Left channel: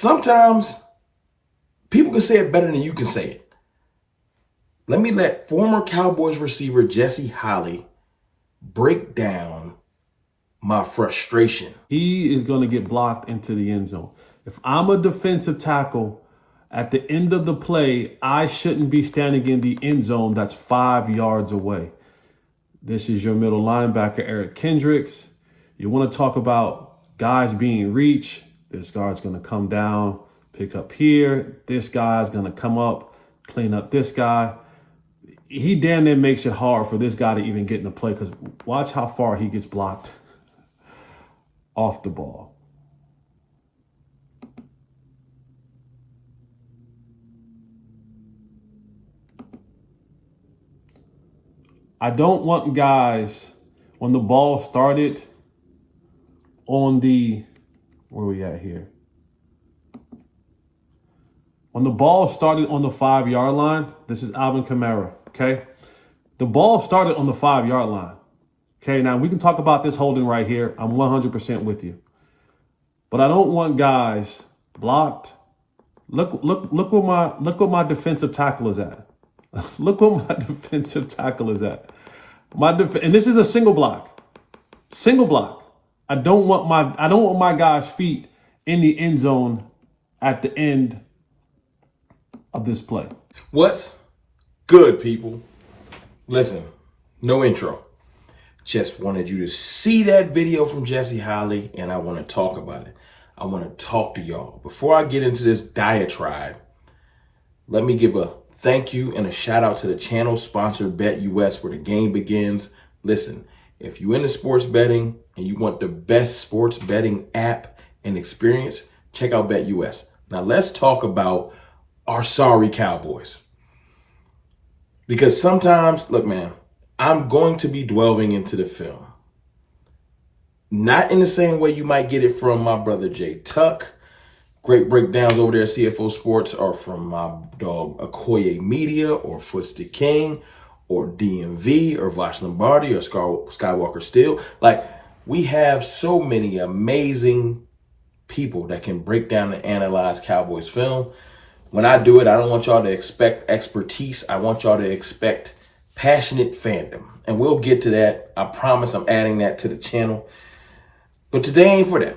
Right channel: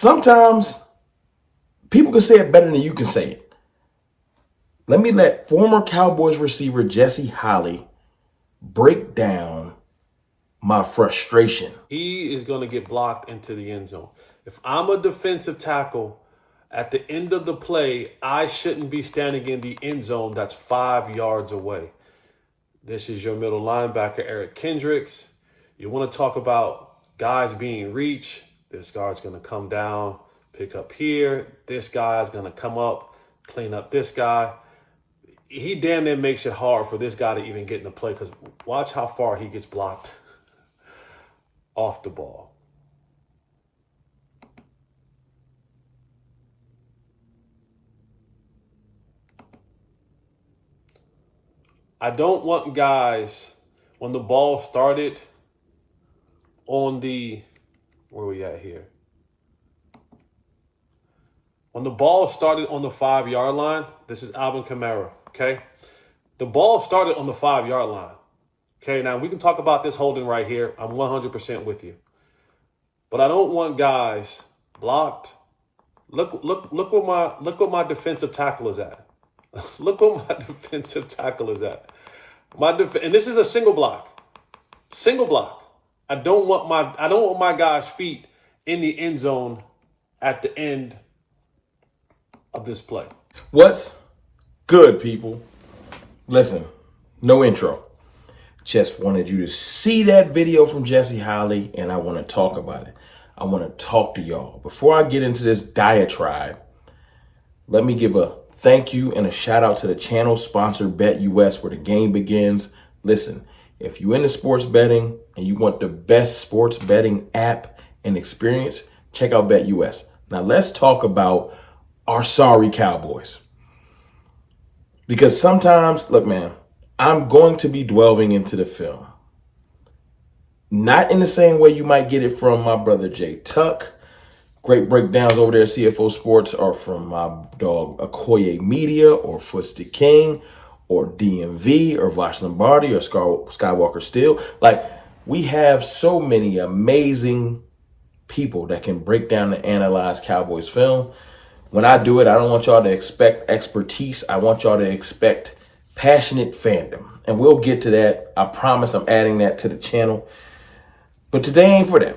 sometimes people can say it better than you can say it. Let me let former Cowboys receiver Jesse Holley break down my frustration. He is going to get blocked into the end zone. If I'm a defensive tackle, at the end of the play, I shouldn't be standing in the end zone that's 5 yards away. This is your middle linebacker, Eric Kendricks. You want to talk about guys being reached. This guy's going to come down, pick up here. This guy's going to come up, clean up this guy. He damn near makes it hard for this guy to even get in the play, because watch how far he gets blocked off the ball. I don't want guys, when the ball started on the, where we at here? When the ball started on the 5 yard line, this is Alvin Kamara, okay? The ball started on the 5 yard line. Okay, now we can talk about this holding right here. I'm 100% with you. But I don't want guys blocked. Look what my defensive tackle is at. Look what my defensive tackle is at. And this is a single block. Single block. I don't want my guys' feet in the end zone at the end of this play. What's good, people? Listen, no intro. Just wanted you to see that video from Jesse Holley, and I want to talk about it. I want to talk to y'all. Before I get into this diatribe, let me give a thank you and a shout out to the channel sponsor, BetUS, where the game begins. Listen, if you're into sports betting and you want the best sports betting app and experience, check out BetUS. Now let's talk about our sorry Cowboys. Because sometimes, look, man, I'm going to be delving into the film. Not in the same way you might get it from my brother Jay Tuck. Great breakdowns over there at CFO Sports are from my dog Okoye Media or Footstick King or DMV or Vosh Lombardi or Skywalker Steel. Like, we have so many amazing people that can break down and analyze Cowboys film. When I do it, I don't want y'all to expect expertise. I want y'all to expect passionate fandom. And we'll get to that. I promise I'm adding that to the channel. But today ain't for that.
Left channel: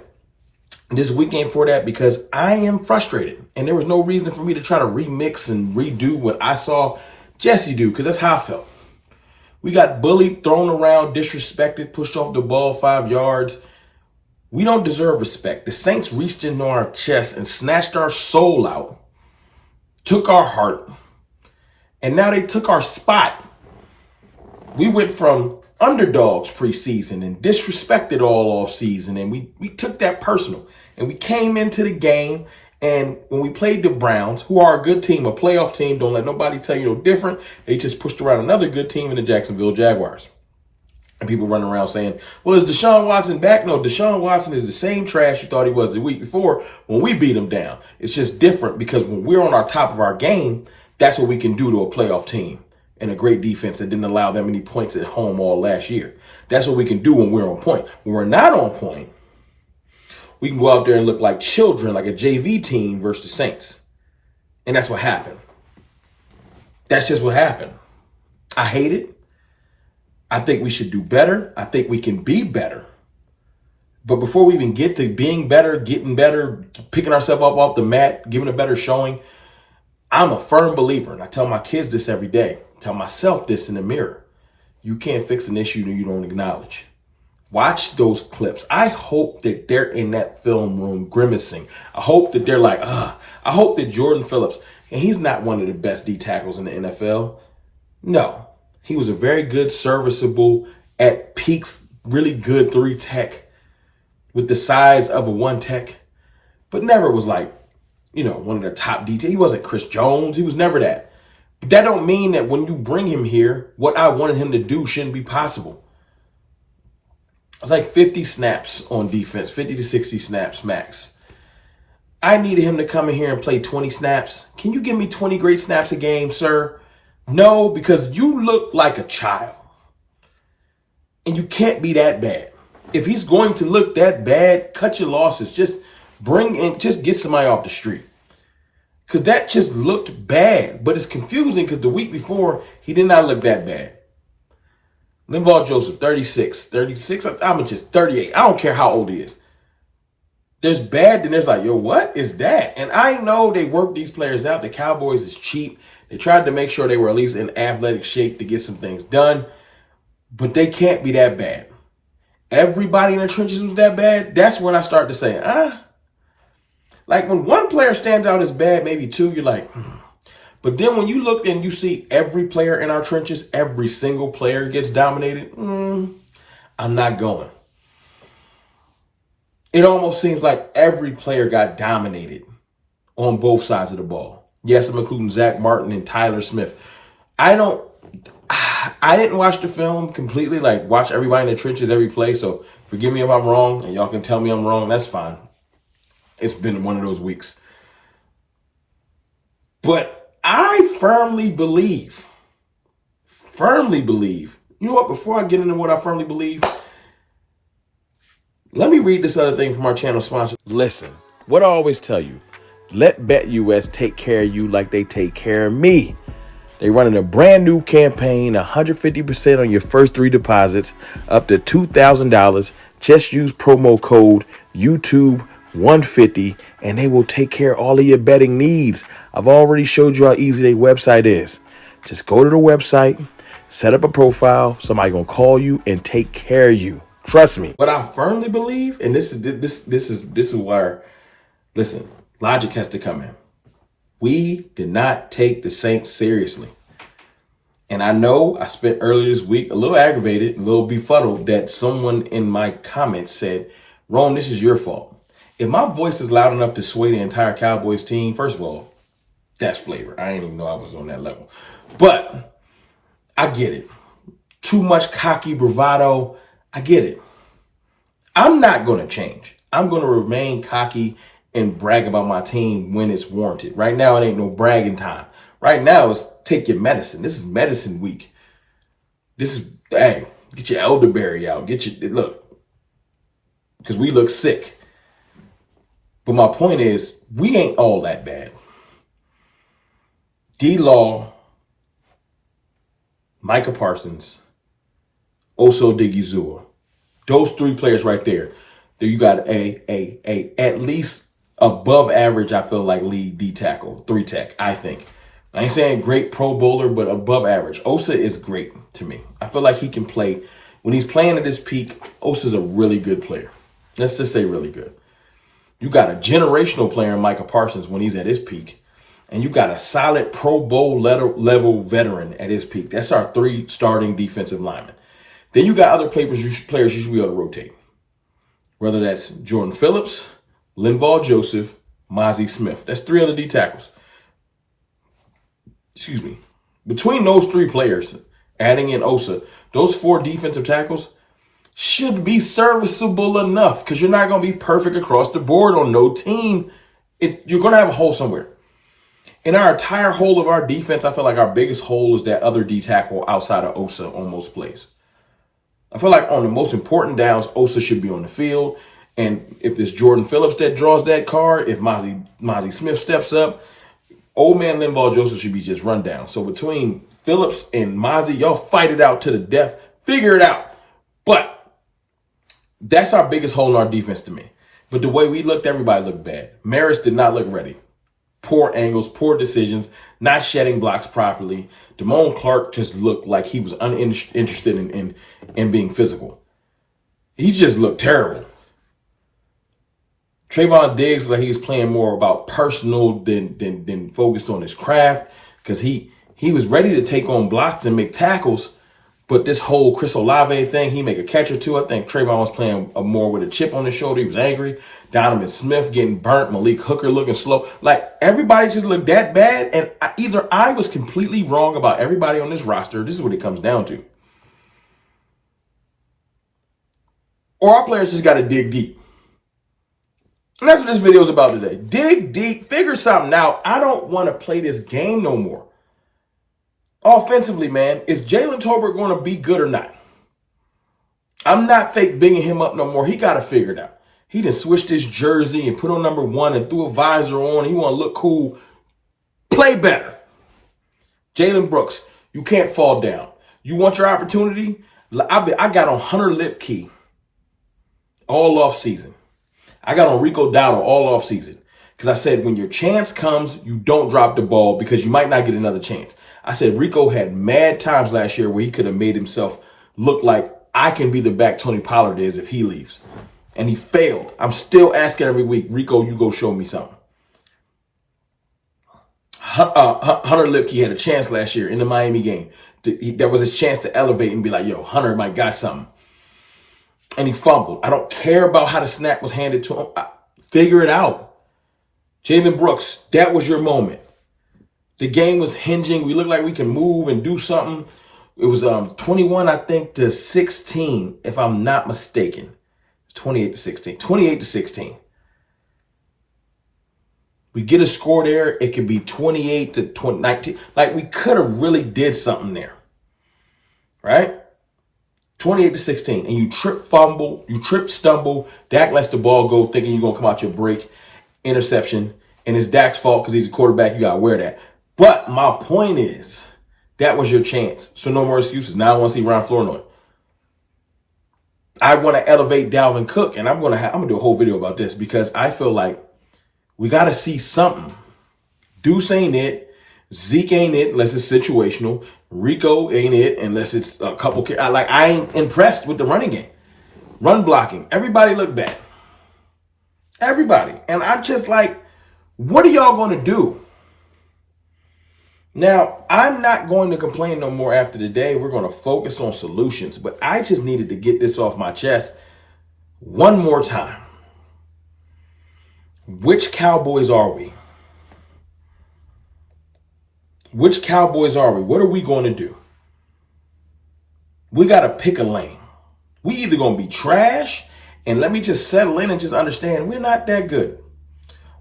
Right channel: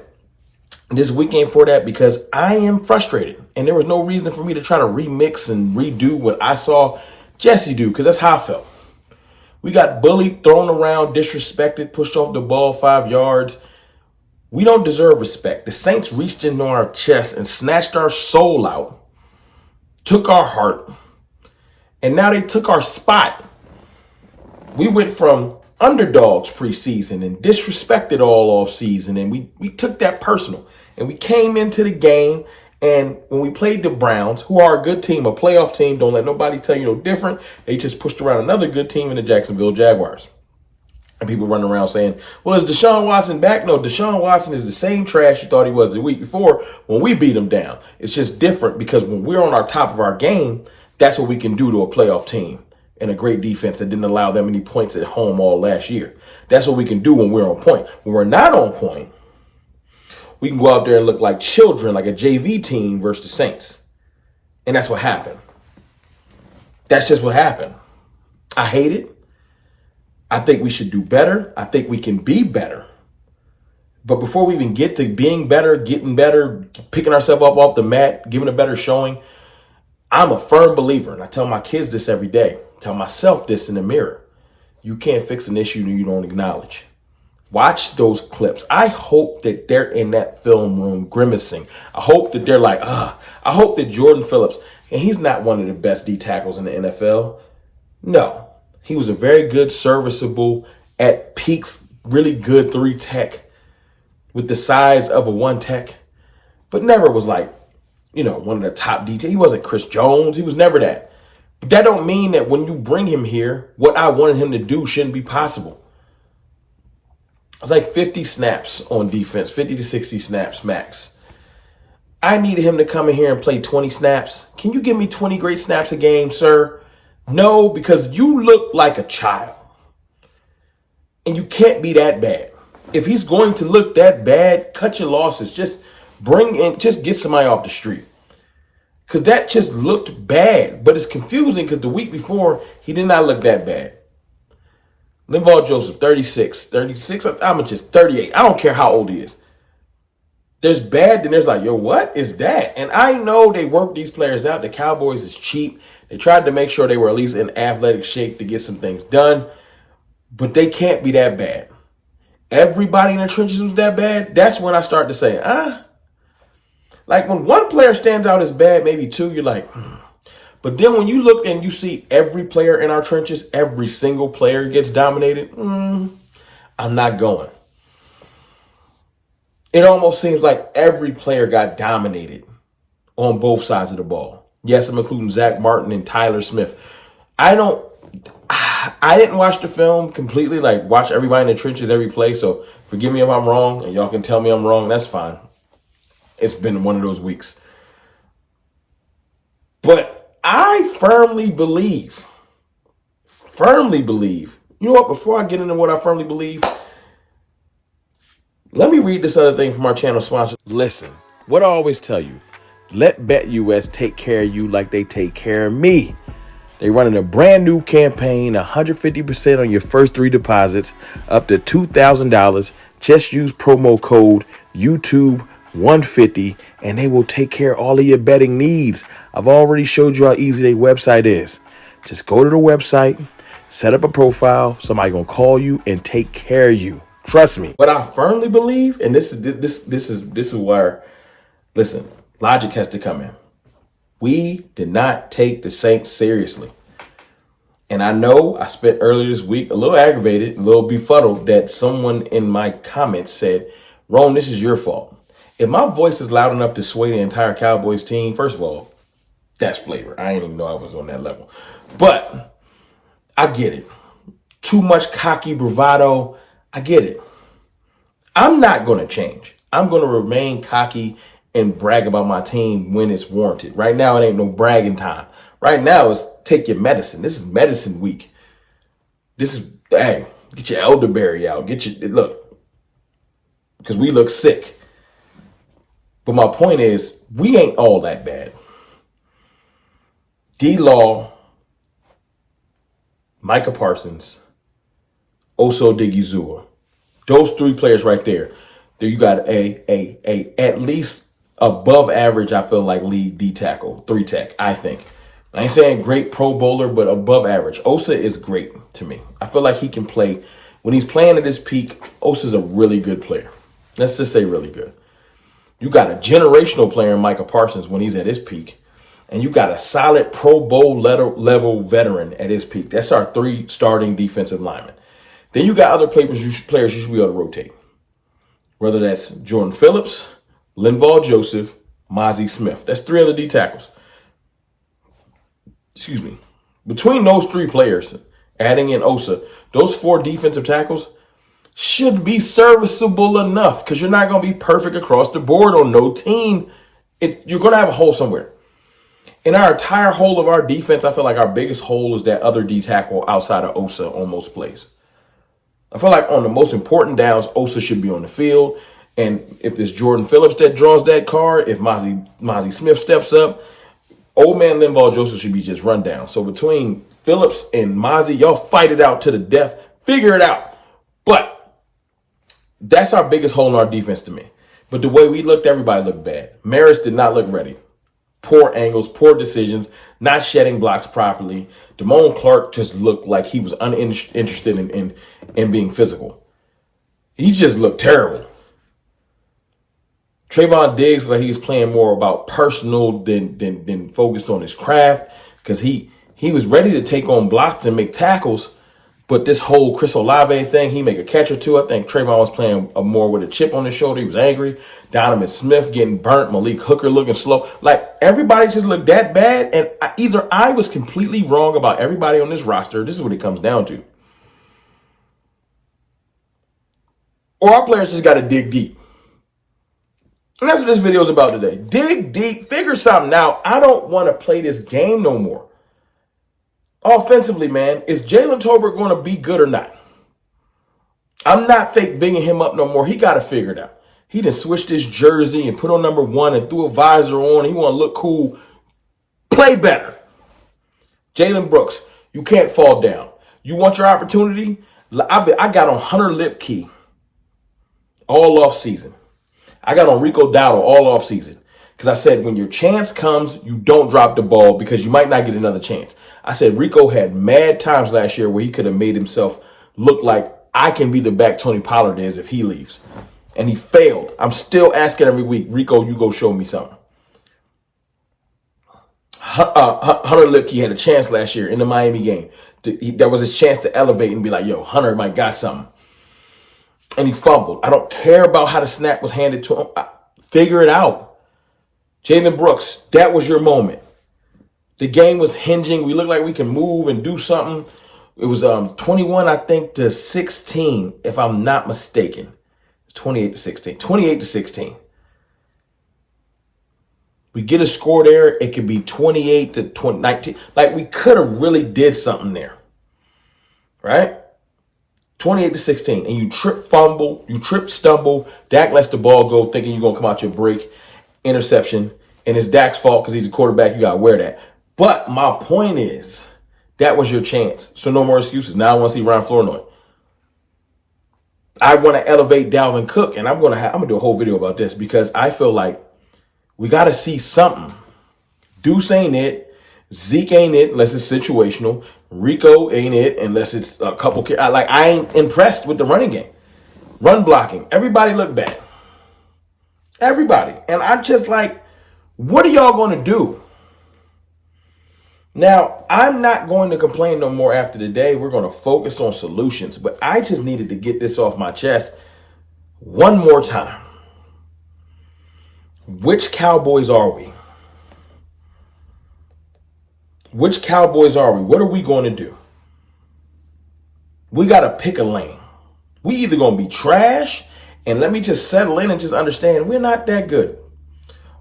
This week ain't for that, because I am frustrated. And there was no reason for me to try to remix and redo what I saw Jesse do, because that's how I felt. We got bullied, thrown around, disrespected, pushed off the ball 5 yards. We don't deserve respect. The Saints reached into our chest and snatched our soul out, took our heart, and now they took our spot. We went from underdogs preseason and disrespected all offseason, and we took that personal. And we came into the game, and when we played the Browns, who are a good team, a playoff team, don't let nobody tell you no different, they just pushed around another good team in the Jacksonville Jaguars. And people running around saying, well, is Deshaun Watson back? No, Deshaun Watson is the same trash you thought he was the week before when we beat him down. It's just different because when we're on our top of our game, that's what we can do to a playoff team and a great defense that didn't allow that many points at home all last year. That's what we can do when we're on point. When we're not on point, we can go out there and look like children, like a JV team versus the Saints. And that's what happened. That's just what happened. I hate it. I think we should do better. I think we can be better. But before we even get to being better, getting better, picking ourselves up off the mat, giving a better showing, I'm a firm believer, and I tell my kids this every day, tell myself this in the mirror. You can't fix an issue that you don't acknowledge. Watch those clips. I hope that they're in that film room grimacing. I hope that they're like, I hope that Jordan Phillips, and he's not one of the best D tackles in the NFL. No, he was a very good, serviceable, at peaks, really good 3 tech with the size of a 1 tech, but never was like, one of the top D. He wasn't Chris Jones. He was never that. But that don't mean that when you bring him here, what I wanted him to do shouldn't be possible. It's like 50 snaps on defense, 50 to 60 snaps max. I needed him to come in here and play 20 snaps. Can you give me 20 great snaps a game, sir? No, because you look like a child. And you can't be that bad. If he's going to look that bad, cut your losses. Just just get somebody off the street. Because that just looked bad. But it's confusing because the week before, he did not look that bad. Linval Joseph, 36. I'm just 38. I don't care how old he is. There's bad, then there's like, yo, what is that? And I know they work these players out. The Cowboys is cheap. They tried to make sure they were at least in athletic shape to get some things done. But they can't be that bad. Everybody in the trenches was that bad. That's when I start to say, Like when one player stands out as bad, maybe two, you're like, But then when you look and you see every player in our trenches, every single player gets dominated, I'm not going. It almost seems like every player got dominated on both sides of the ball. Yes, I'm including Zach Martin and Tyler Smith. I didn't watch the film completely, like watch everybody in the trenches every play. So forgive me if I'm wrong, and y'all can tell me I'm wrong. That's fine. It's been one of those weeks. But I firmly believe, you know what, before I get into what I firmly believe, let me read this other thing from our channel sponsor. Listen, what I always tell you, let BetUS take care of you like they take care of me. They're running a brand new campaign, 150% on your first 3 deposits, up to $2,000. Just use promo code YouTube150 and they will take care of all of your betting needs. I've already showed you how easy their website is. Just go to the website, set up a profile, somebody gonna call you and take care of you. Trust me. What I firmly believe, and this is where, listen, logic has to come in. We did not take the Saints seriously. And I know I spent earlier this week a little aggravated, a little befuddled that someone in my comments said, Rome, this is your fault. If my voice is loud enough to sway the entire Cowboys team, first of all, that's flavor. I didn't even know I was on that level. But I get it. Too much cocky bravado. I get it. I'm not going to change. I'm going to remain cocky and brag about my team when it's warranted. Right now, it ain't no bragging time. Right now, it's take your medicine. This is medicine week. This is, hey, get your elderberry out. Look, because we look sick. But my point is, we ain't all that bad. D-Law, Micah Parsons, Oso Digizua. Those 3 players right there. There you got a at least above average, I feel like, lead D tackle, 3 tech, I think. I ain't saying great Pro Bowler, but above average. Osa is great to me. I feel like he can play. When he's playing at his peak, Osa's a really good player. Let's just say really good. You got a generational player in Micah Parsons when he's at his peak. And you got a solid Pro Bowl level veteran at his peak. That's our 3 starting defensive linemen. Then you got other players you should be able to rotate. Whether that's Jordan Phillips, Linval Joseph, Mozzie Smith. That's 3 other D tackles. Excuse me. Between those 3 players, adding in Osa, those 4 defensive tackles should be serviceable enough because you're not going to be perfect across the board on no team. You're going to have a hole somewhere. In our entire hole of our defense, I feel like our biggest hole is that other D tackle outside of Osa on most plays. I feel like on the most important downs, Osa should be on the field. And if it's Jordan Phillips that draws that card, if Mozzie Smith steps up, old man Linval Joseph should be just run down. So between Phillips and Mozzie, y'all fight it out to the death. Figure it out. But that's our biggest hole in our defense to me. But the way we looked, everybody looked bad. Maris did not look ready. Poor angles, poor decisions, not shedding blocks properly. Damone Clark just looked like he was uninterested in being physical. He just looked terrible. Trayvon Diggs, like he was playing more about personal than focused on his craft because he was ready to take on blocks and make tackles. But this whole Chris Olave thing, he make a catch or 2. I think Trayvon was playing more with a chip on his shoulder. He was angry. Donovan Smith getting burnt. Malik Hooker looking slow. Like everybody just looked that bad. And either I was completely wrong about everybody on this roster. This is what it comes down to. Or our players just got to dig deep. And that's what this video is about today. Dig deep, figure something out. I don't want to play this game no more. Offensively, man, is Jalen Tolbert going to be good or not? I'm not fake binging him up no more. He got to figure it out. He done switched his jersey and put on number 1 and threw a visor on. He want to look cool. Play better. Jalen Brooks, you can't fall down. You want your opportunity? I got on Hunter Lipke all off season. I got on Rico Dowdle all off season. Because I said, when your chance comes, you don't drop the ball because you might not get another chance. I said Rico had mad times last year where he could have made himself look like I can be the back Tony Pollard is if he leaves. And he failed. I'm still asking every week, Rico, you go show me something. Hunter Lipke had a chance last year in the Miami game. There was a chance to elevate and be like, yo, Hunter might got something. And he fumbled. I don't care about how the snap was handed to him. Figure it out. Jalen Brooks, that was your moment. The game was hinging. We looked like we can move and do something. It was 21, I think, to 16, if I'm not mistaken. 28 to 16. 28 to 16. We get a score there. It could be 28 to 19. Like, we could have really did something there. Right? 28 to 16. And you trip, fumble. You trip, stumble. Dak lets the ball go thinking you're going to come out your break. Interception. And it's Dak's fault because he's a quarterback. You got to wear that. But my point is, that was your chance. So no more excuses. Now I want to see Ryan Flournoy. I want to elevate Dalvin Cook. And I'm going to do a whole video about this because I feel like we got to see something. Deuce ain't it. Zeke ain't it unless it's situational. Rico ain't it unless it's a couple. I ain't impressed with the running game. Run blocking. Everybody look bad. Everybody. And I'm just like, what are y'all going to do? Now, I'm not going to complain no more after the day. We're going to focus on solutions. But I just needed to get this off my chest one more time. Which Cowboys are we? Which Cowboys are we? What are we going to do? We got to pick a lane. We either going to be trash, and let me just settle in and just understand we're not that good.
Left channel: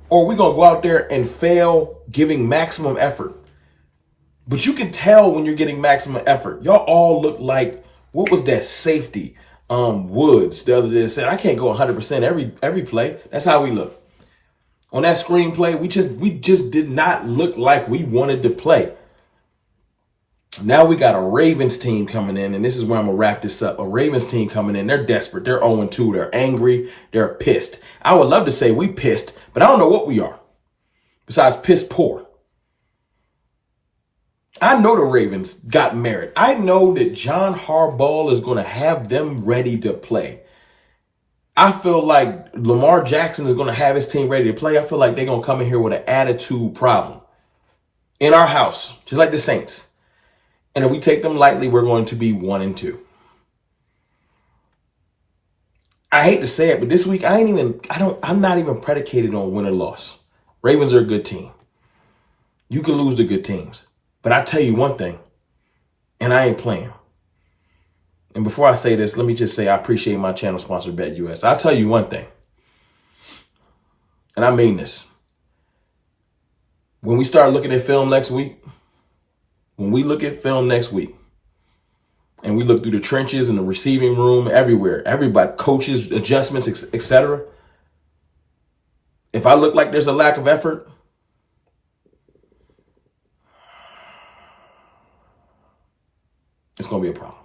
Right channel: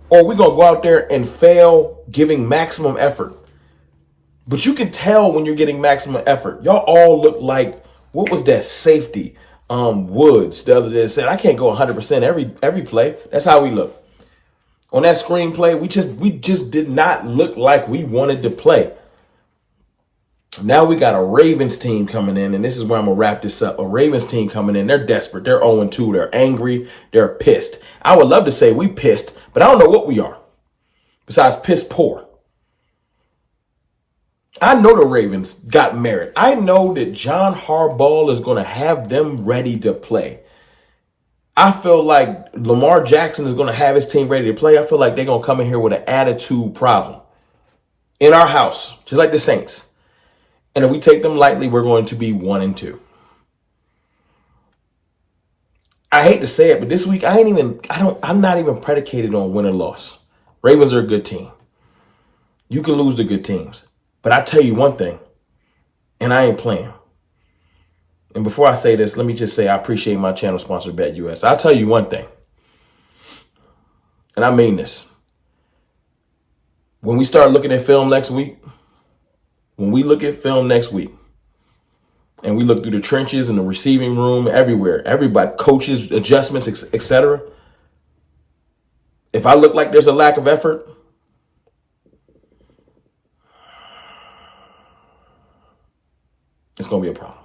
Or we're going to go out there and fail giving maximum effort. But you can tell when you're getting maximum effort. Y'all all look like, what was that safety? Woods the other day said, I can't go 100% every play. That's how we look. On that screenplay, we just did not look like we wanted to play. Now we got a Ravens team coming in, and this is where I'm going to wrap this up. A Ravens team coming in. They're desperate. They're 0-2. They're angry. They're pissed. I would love to say we pissed, but I don't know what we are besides piss poor. I know the Ravens got merit. I know that John Harbaugh is going to have them ready to play. I feel like Lamar Jackson is going to have his team ready to play. I feel like they're going to come in here with an attitude problem in our house, just like the Saints. And if we take them lightly, we're going to be 1-2. I hate to say it, but this week I'm not even predicated on win or loss. Ravens are a good team. You can lose to good teams. But I tell you one thing, and I ain't playing. And before I say this, let me just say I appreciate my channel sponsor, BetUS. I'll tell you one thing, and I mean this. When we start looking at film next week, and we look through the trenches and the receiving room, everywhere, everybody, coaches, adjustments, etc. If I look like there's a lack of effort, it's going to be a problem.